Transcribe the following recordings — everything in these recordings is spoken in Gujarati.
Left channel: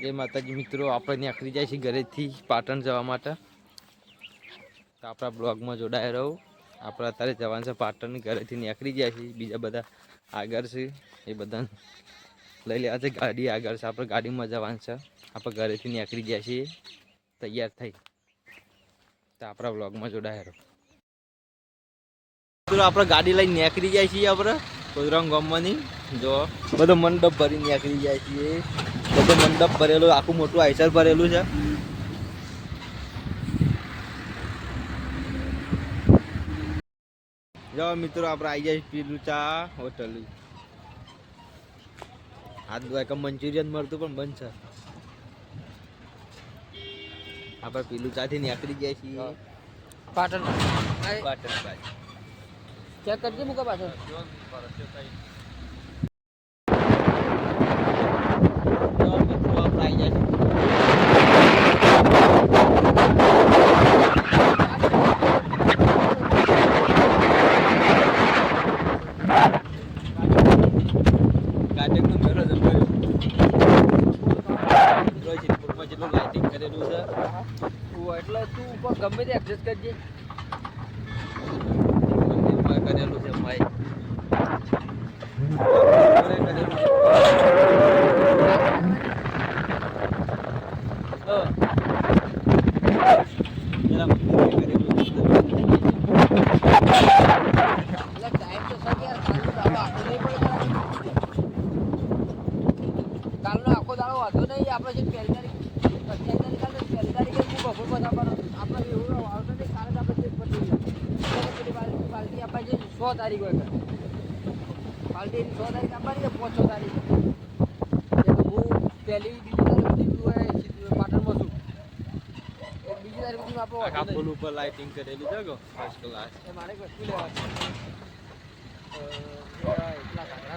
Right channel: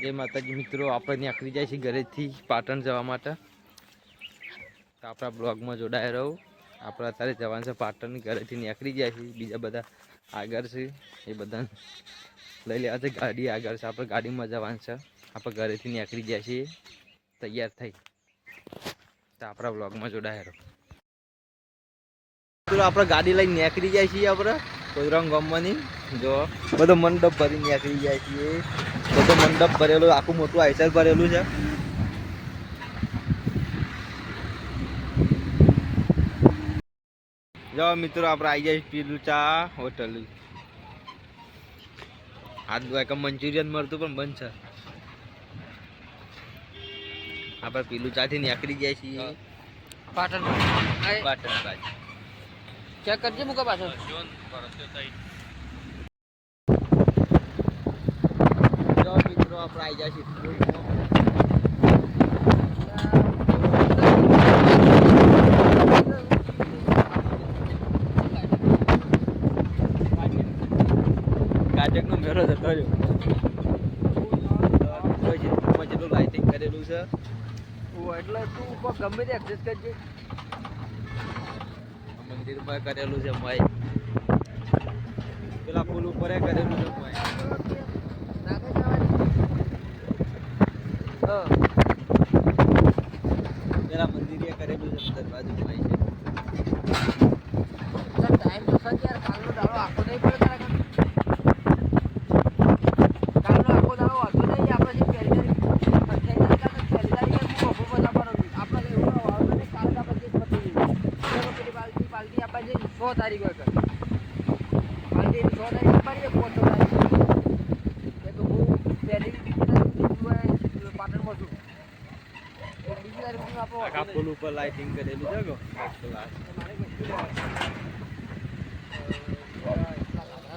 જય માતાજી મિત્રો, આપણે નીકળી જાય છે ઘરેથી પાટણ જવા માટે. તો આપણા બ્લોગમાં જોડાયા રહો. આપણે અત્યારે જવાનું છે પાટણ ઘરેથી નીકળી ગયા છીએ. બીજા બધા આગળ છે, એ બધા લઈ લેવા છે ગાડી આગળ છે. આપણે ગાડીમાં જવાનું છે. આપણે ઘરેથી નીકળી જાય છીએ. તૈયાર થઈ. તો આપણા બ્લોગમાં જોડાયા રહો. આપણે ગાડી લઈને નીકળી જાય છીએ આપણે. કોદરામ ગામમાંની જો, બધો મંડપ ભરી નીકળી જાય છીએ. બધો મંડપ ભરેલો આખું મોટું આઈસર ભરેલું છે. જો મિત્રો આપણે આવી જાય પીલું ચા હોટલ. આ દુઆ મંચુરિયન મળતું પણ બંધ છે. આપણે પીલું ચા થી નીકળી જાય છીએ. પાટણ પાટણ બાજુ ચેક કરજે મુકા પાછળ જો મિત્રો આપણે આવી જાય છીએ કાટકનો મેળો જ કર્યો જેટલું લાઇટિંગ કરેલું છે. એટલે તું ઉપર ગમે તે એડજસ્ટ કરજે. કરેલું છે માઈ કરેલું છે પેલા મંદિરે કરેલું છે દરવાજો ટાઈમ તો સર યાર કાલનો આખો નહીં પડે કાલનો આખો દાડો વાંધો નહીં આપણે જે પહેલી તારીખ પહેલી તારીખે ખૂબ અભો બધા પર આપણે એવું વાંધો નહીં કાલ આપણે જે પતી ગયું પેલી બાલકી બાલકી આપણે જે સો તારીખ હોય તારીખ પાંચ છ તારીખ હું પહેલી બીજી તારીખ પાટણમાં છું. બીજી તારીખ આપણો આખા પુલ ઉપર લાઇટિંગ કરેલી છે ગો ફર્સ્ટ ક્લાસ મારે વસ્તુ લેવાની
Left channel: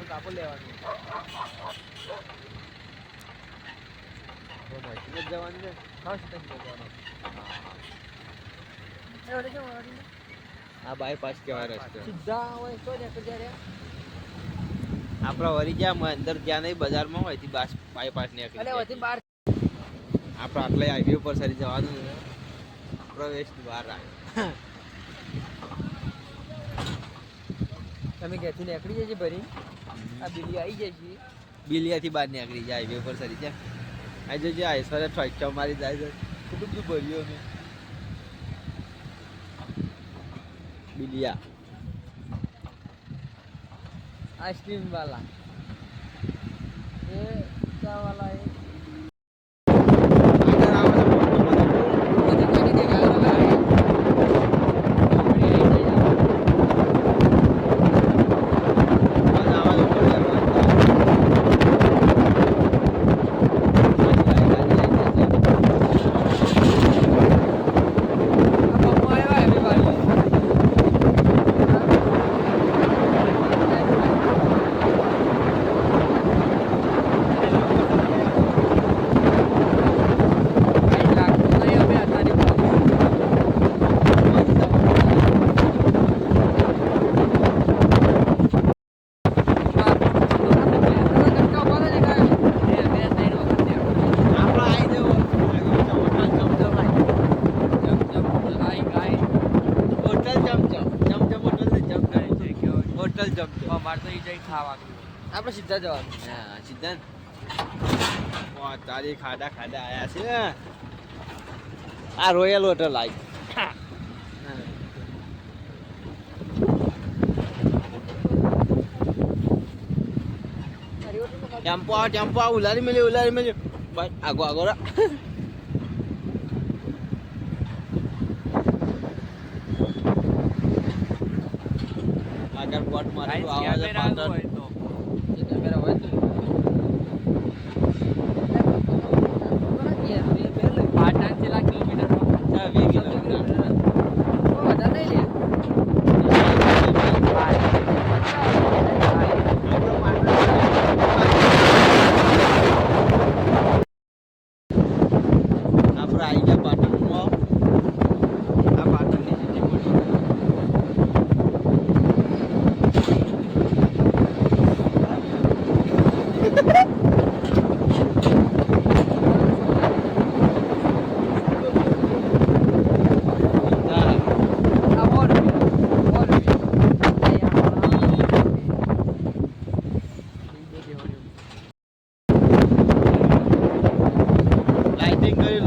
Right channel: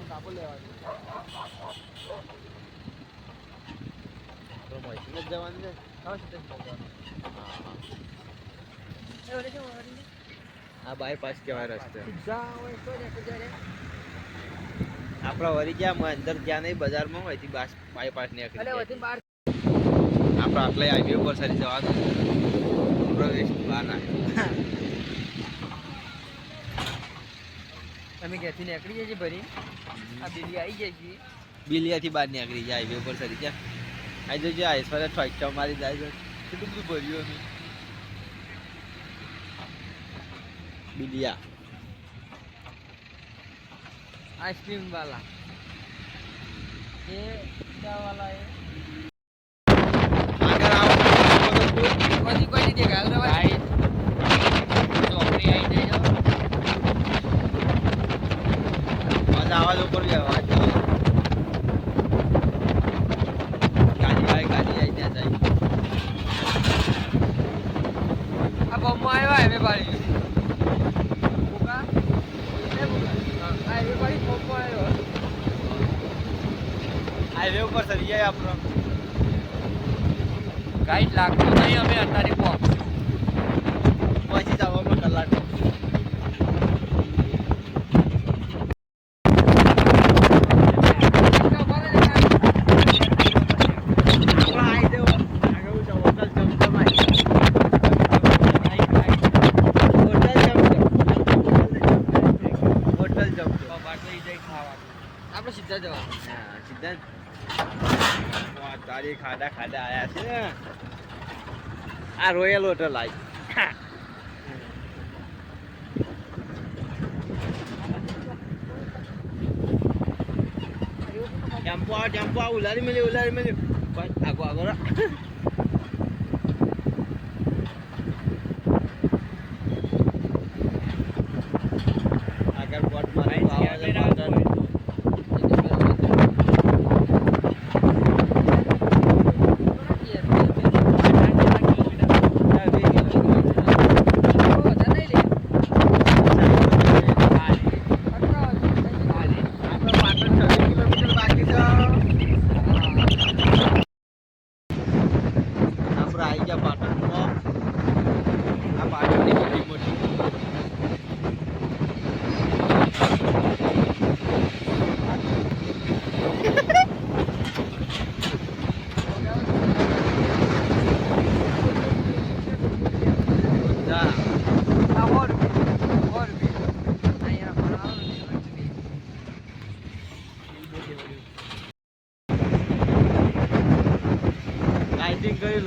કાપડ લેવાની આપણે મશીન જ જવાનું છે. ફર્સ્ટ ટાઈમ જવાનું હા હા? આ બાયપાસ કહેવાય રસ્તો. આપણા વરી ગયા અંદર જ્યાં નહીં બજારમાં હોયથી બાસ બાયપાસ નીકળી આપણે આટલે હાઈવે ઉપર સરી જવાનું પ્રવેશ બહાર રાખ્યો અમે ઘેરથી નીકળી જઈએ છીએ ભરી આ બિલી આવી જાય છે. બિલિયાથી બહાર નીકળી જાય હાઈવે ઉપર સરી જાય. આવી જજો આઈસવારે ફાઈટા મારી જાય છે. કેટલું બધું ભર્યું અમે. બિલિયા આઈસ્ક્રીમ વાલા એ ક્યાં વાલા એ આગળ આવો તો બધું કોઈ નથી દેખાય ભાઈ ચોકડી આવી જાય મજા આવા લોકો લેવા ગાડી આવે ગાડી આવી જાય આ બમ્મો આવ્યો હવે બારી હાઈવે ઉપર સરી જાય આપણો ગાઈડ લાગતું નહીં હવે અત્યારે પહોંચ પહોંચી જવા મને લાગે આપણે આવી જવો આગળ hotel Zamzam hotel Zamzam Zamzam hotel Zamzam hotel Zamzam આપણે સીધા જવાનું હા સિદ્ધાંત તારી ખાડા ખાડા આયા છે આ રોયલ હોટલ આવી ટેમ્પો આવો ટેમ્પો આવો ઉલારી મળ્યો ઉલારી મળ્યો ભાઈ આગો આગો આગળ બોટ મારી આવાજ પાટણ ના, બે કિલોમીટર. આપણે પાટણ આપણે આવી ગયા પાટણમાં આ પાટણની મોટી મોટી કઈ લાઇટિંગ બાપુ સારી જાડી એ આ મોકો હેડે જાય પેલો હેડે જાય બે એક્સિડન્ટ થઈ જાય પગે એક્સિડન્ટ થઈ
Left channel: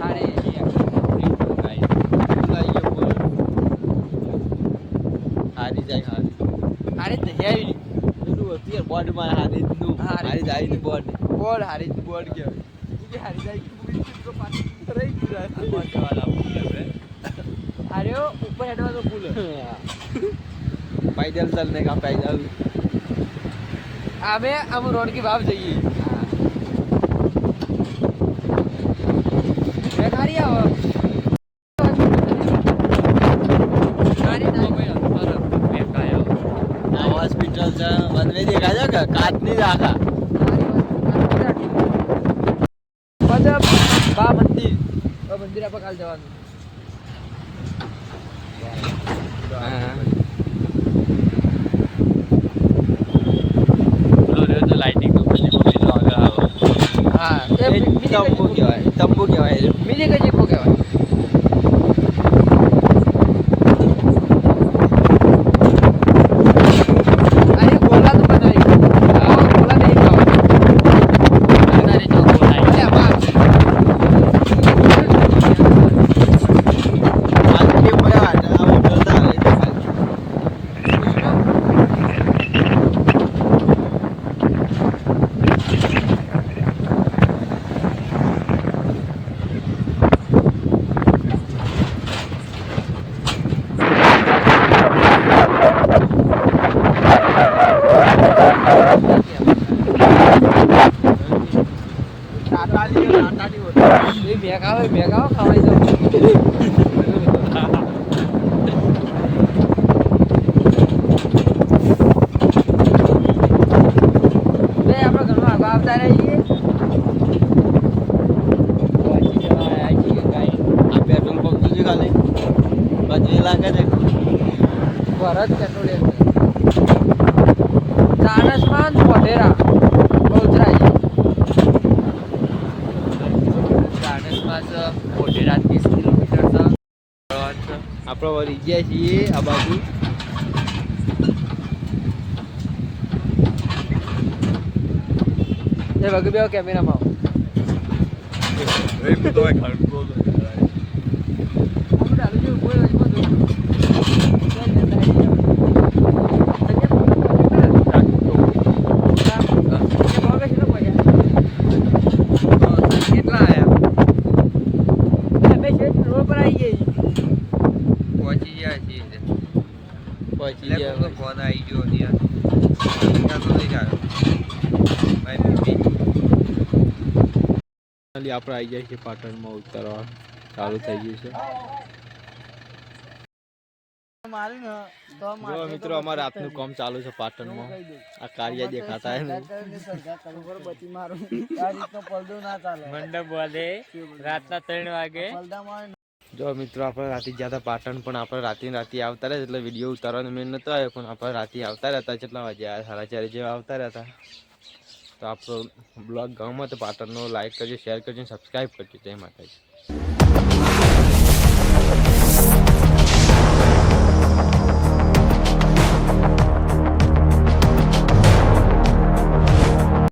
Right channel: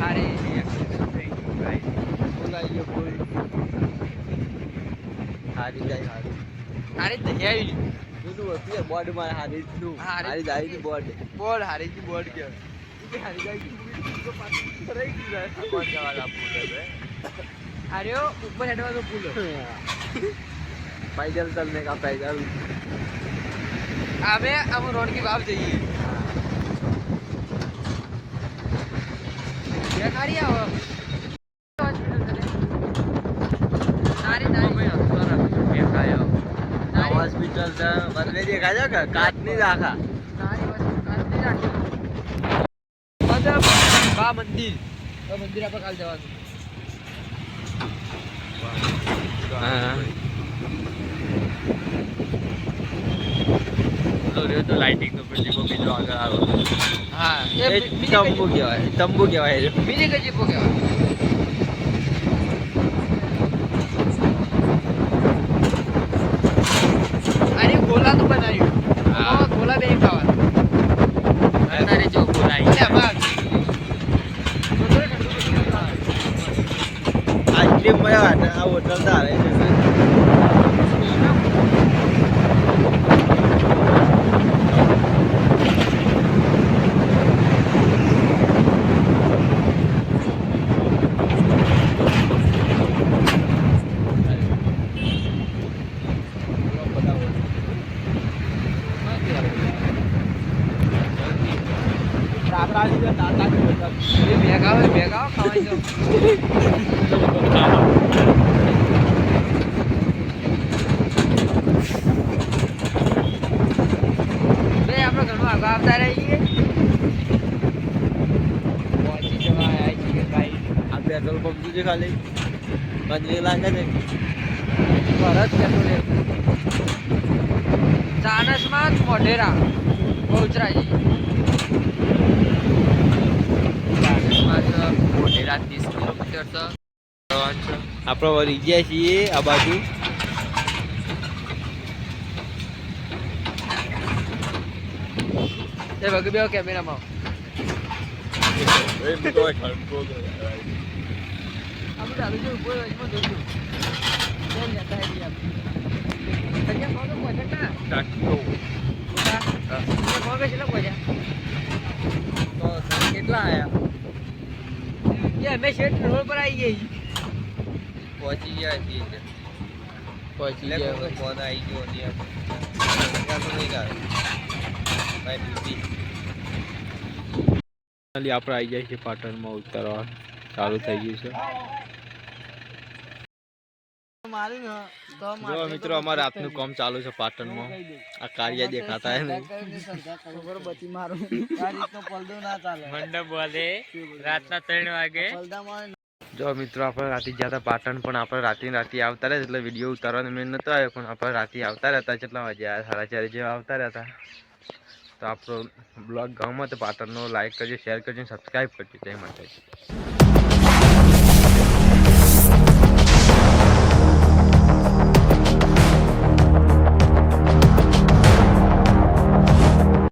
અરે એક્સિડન્ટ સારી ગયો. ભાઈ. હારી બોડી દીધું હારી જાય ની બોડી બોર્ડ હારી થી બોર્ડ ગયો. હારી જાય તો પાછું રહી ગયું કોણ જવાના અરે ઉપર હેડવા તો ભૂલો पैदल चलने का पैदल અમે અમે રોડ की વાવ જઈએ બે ગાડી આવો નારી નારી हॉस्पिटल बनवे देखा जाएगा काट नहीं रखा મતલબ બા મંદિર બા મંદિર આપણે કાલ જવાનું हाँ તો લાઇટિંગ તો પછી બીજો આગળ આવે હા એ તંબુ કહેવાય તંબુ કહેવાય બીજે કઈ જગ્યા કહેવાય અરે બોલા તો બનાવ્યું હા બોલા નહીં ભાવ તારી તો બોલાય એટલે ભાવ આઈસ્ક્રીમ મળ્યા આ હોટલ તારે એ ભેગા હોય ભેગા ખવાઈ જાય બે આપણે ઘરમાં આગળ આવતા રહીએ પહોંચી જવાય આવી જઈએ ભાઈ આ પેટ્રોલ પંપ છે ખાલી પછી લાગે ને ભરત પેટ્રોલિયમ ચાણસમાં મોઢેરા. બહુચરાજી કિલોમીટર છે આપણે વળી ગયા છીએ આ બાજુ. એ વગર બે કેમેરામાં આપણે ચાલુ છે કોઈ રજમાં જોયું ત્યાં જતા રહીએ. એટલે ફોન કરે ને. ફોન કરે છે ને પૈસા. કેટલા આયા એ અમે શેઠ રોડ પર આવી ગઈ પહોંચી ગયા છીએ પહોંચી એટલે ફોન આવી. ગયો આપણે આવી જાય છે પાટણમાં ઉતરવા. ચાલુ થઈ ગયું છે. જો મિત્રો અમારે રાતનું કામ ચાલુ છે પાટણમાં. આ કાર્ય દેખાતા હે ને. મંડપ વાલે રાતના ત્રણ વાગે. જો મિત્રો, આપણે રાતે ગયા પાટણ, પણ આપણે રાતે રાતે આવતા રહ્યા એટલે વીડિયો ઉતારવાનો મેં નહોતો આવ્યો, પણ આપણે રાતે આવતા રહેતા કેટલા વાગે સાડા ચાર જેવા આવતા રહેતા તો આપણો બ્લોગ ગમો તો પાટણનો લાઈક કરજો શેર કરજો સબસ્ક્રાઈબ કરજો. તે માટે